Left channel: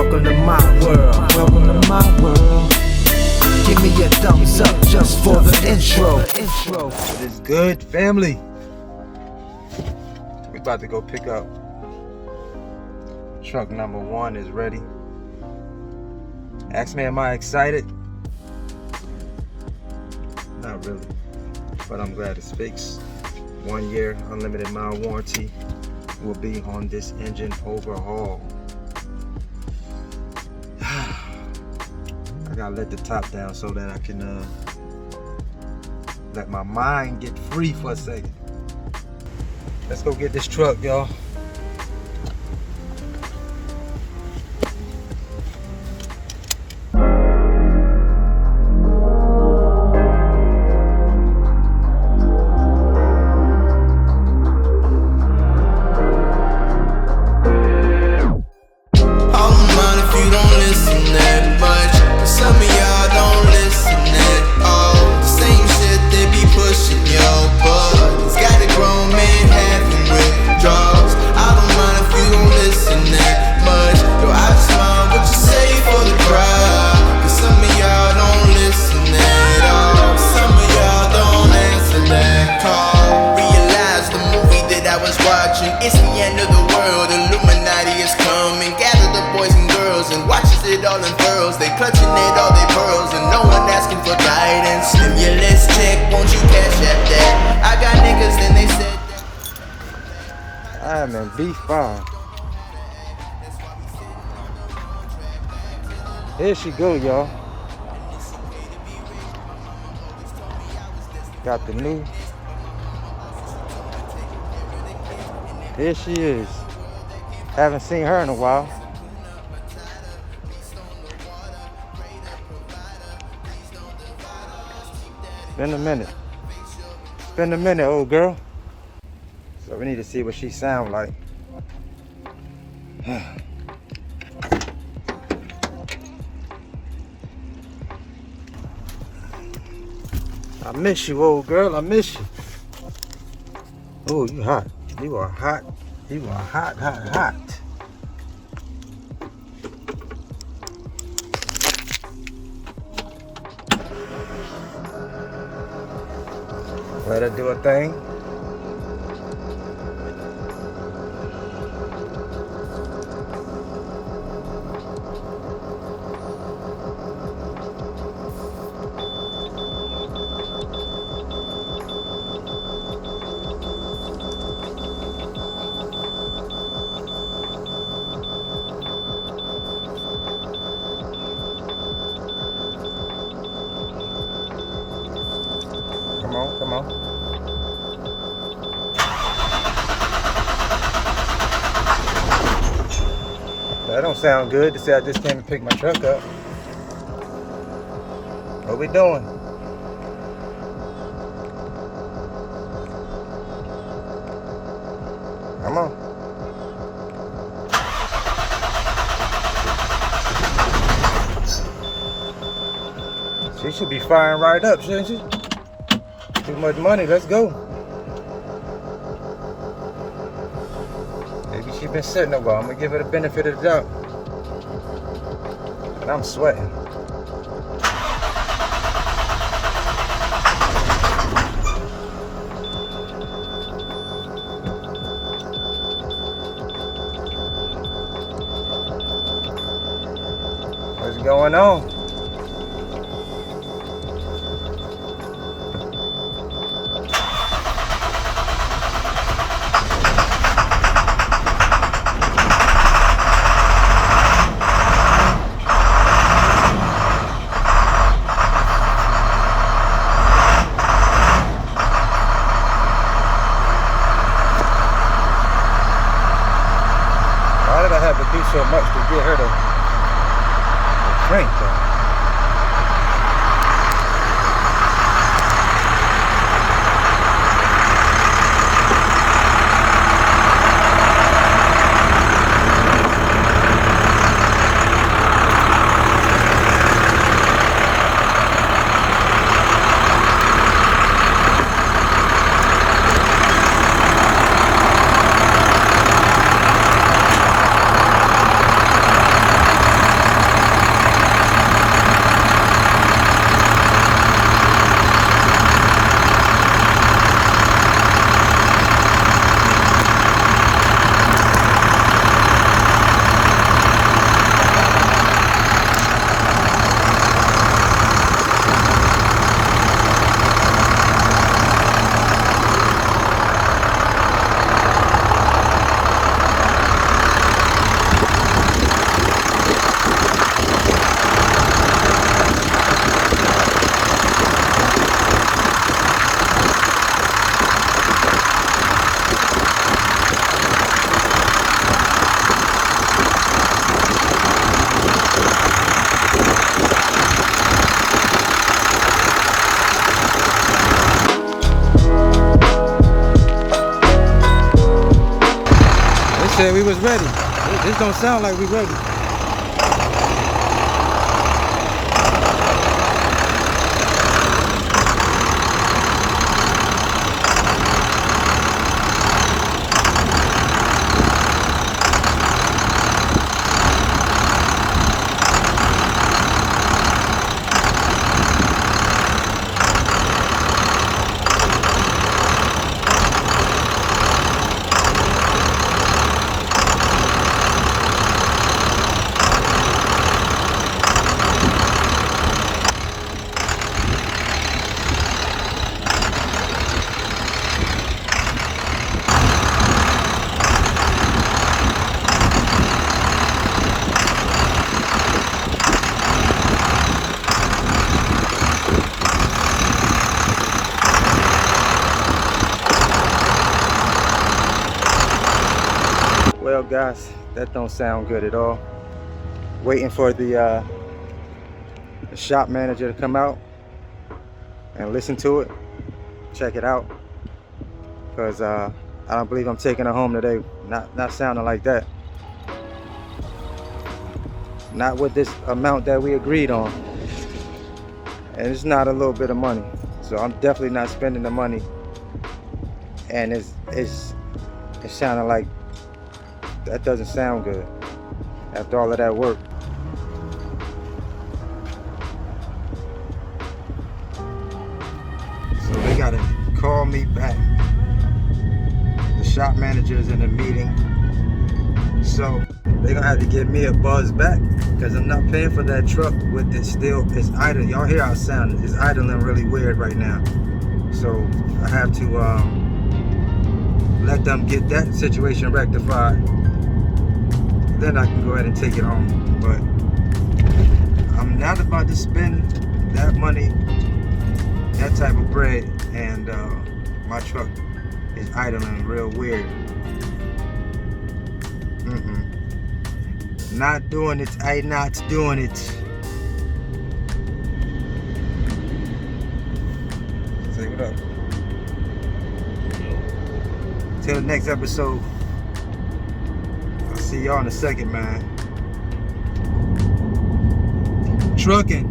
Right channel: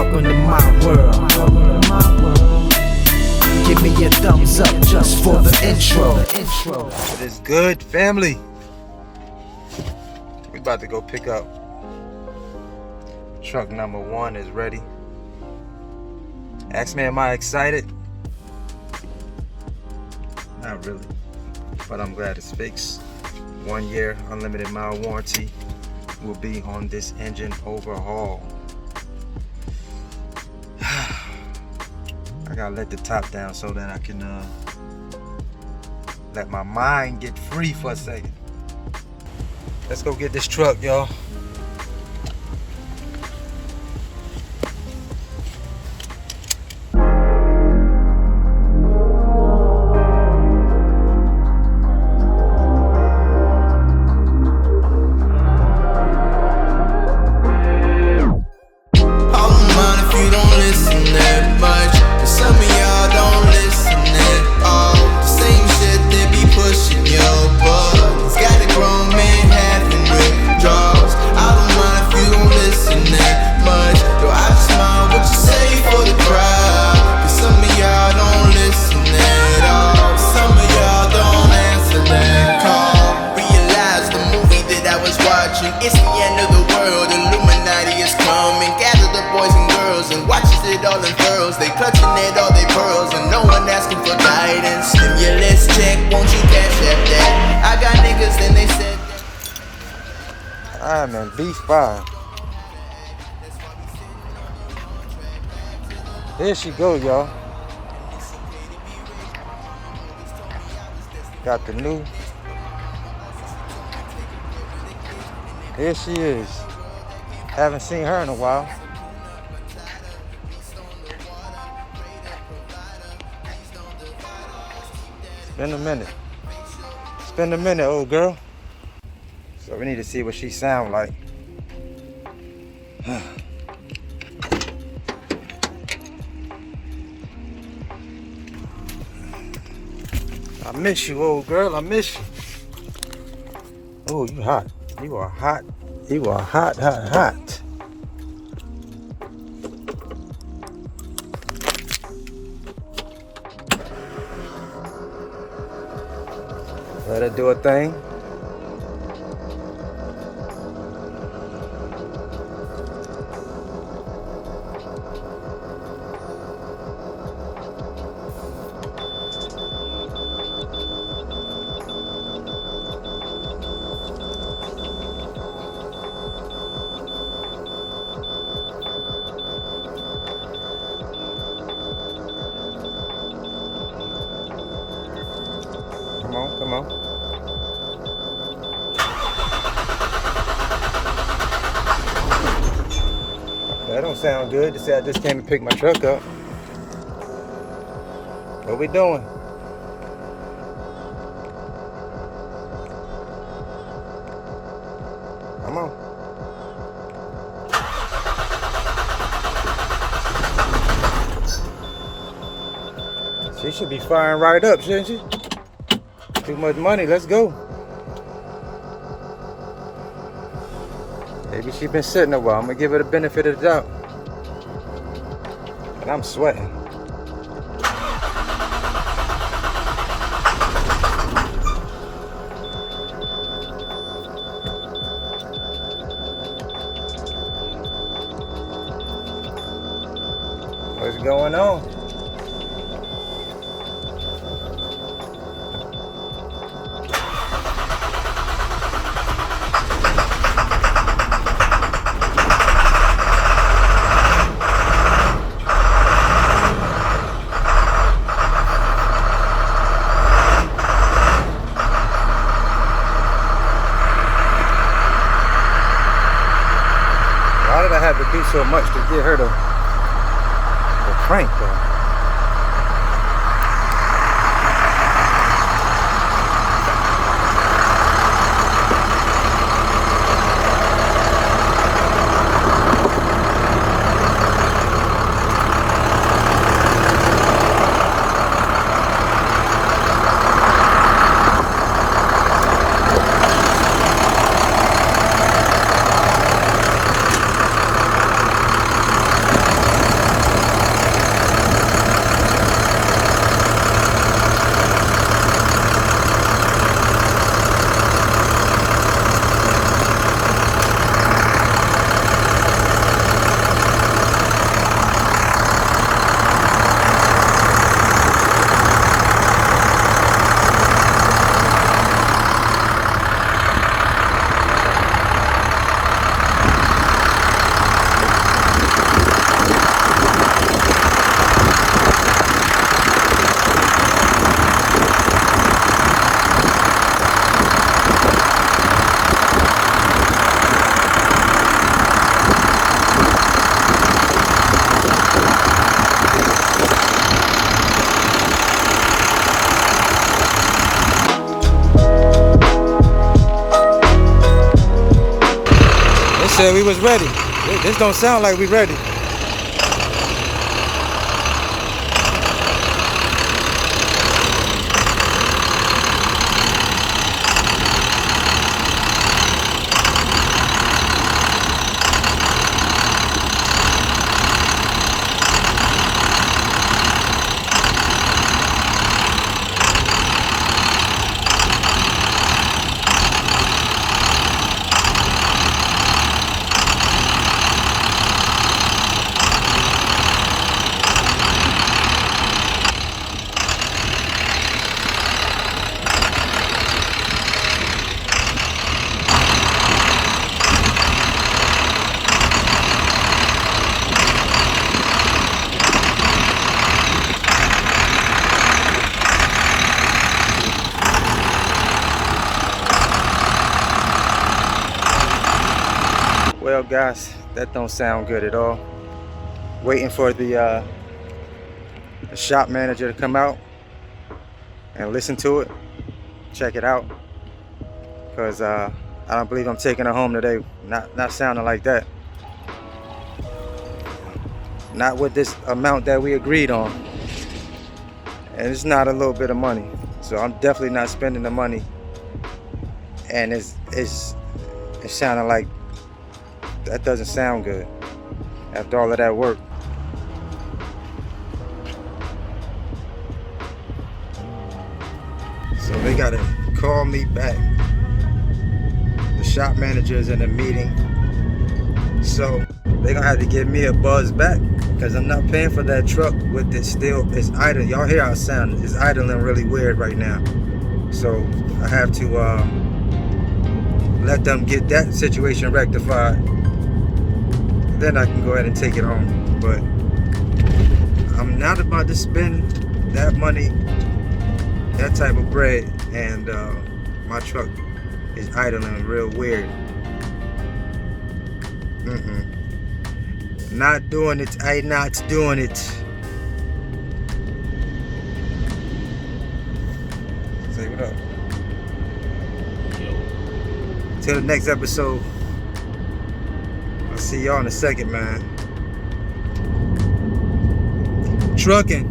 Welcome to my world. Welcome to my world. Give me a thumbs up just for the intro. It is good, family. We about to go pick up truck number 1 is ready. Ask me, am I excited? Not really, but I'm glad it's fixed. 1 year unlimited mile warranty will be on this engine overhaul. I gotta let the top down so that I can let my mind get free for a second. Let's go get this truck, y'all. It's the end of the world, Illuminati is coming. Gather the boys and girls and watch as it all unfurls. They clutching at all their pearls and no one asking for guidance. Stimulus check, won't you cash at that? I got niggas and they said that. I'm in B5. There she go, y'all. Got the new. Here she is. Haven't seen her in a while. It's been a minute. It's been a minute, old girl. So we need to see what she sound like. I miss you, old girl. I miss you. Oh, you hot. You are hot. You are hot, hot, hot. Let her do a thing. Come on, come on. That don't sound good to say I just came and picked my truck up. What we doing? Come on. She should be firing right up, shouldn't she? Too much money, let's go. Maybe she's been sitting a while. I'm gonna give her the benefit of the doubt. And I'm sweating. What's going on? Why did I have to be so much to get her to crank though? said we was ready. This don't sound like we ready. Well guys, that don't sound good at all. Waiting for the shop manager to come out and listen to it, check it out, because I don't believe I'm taking her home today. Not sounding like that. Not with this amount that we agreed on, and it's not a little bit of money, so I'm definitely not spending the money. And it's sounding like that doesn't sound good after all of that work. So they gotta call me back. The shop manager's in a meeting, so they're gonna have to give me a buzz back, because I'm not paying for that truck with it still. It's idle. Y'all hear how it sounds? It's idling really weird right now. So I have to let them get that situation rectified. Then I can go ahead and take it home. But I'm not about to spend that money, that type of bread, and my truck is idling real weird. Not doing it. I'm not doing it. Say what up. Till the next episode. I'll see y'all in a second, man. Trucking.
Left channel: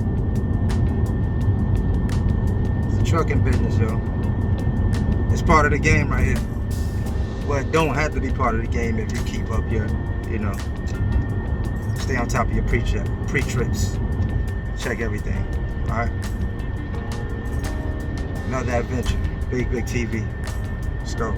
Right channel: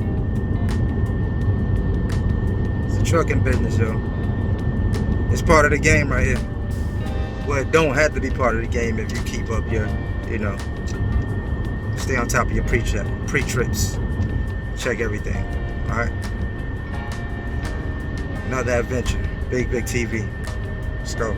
It's a trucking business, yo. It's part of the game right here. Well, it don't have to be part of the game if you keep up your, stay on top of your pre-trips. Check everything, all right? Another adventure. Bigg Vic TV. Let's go.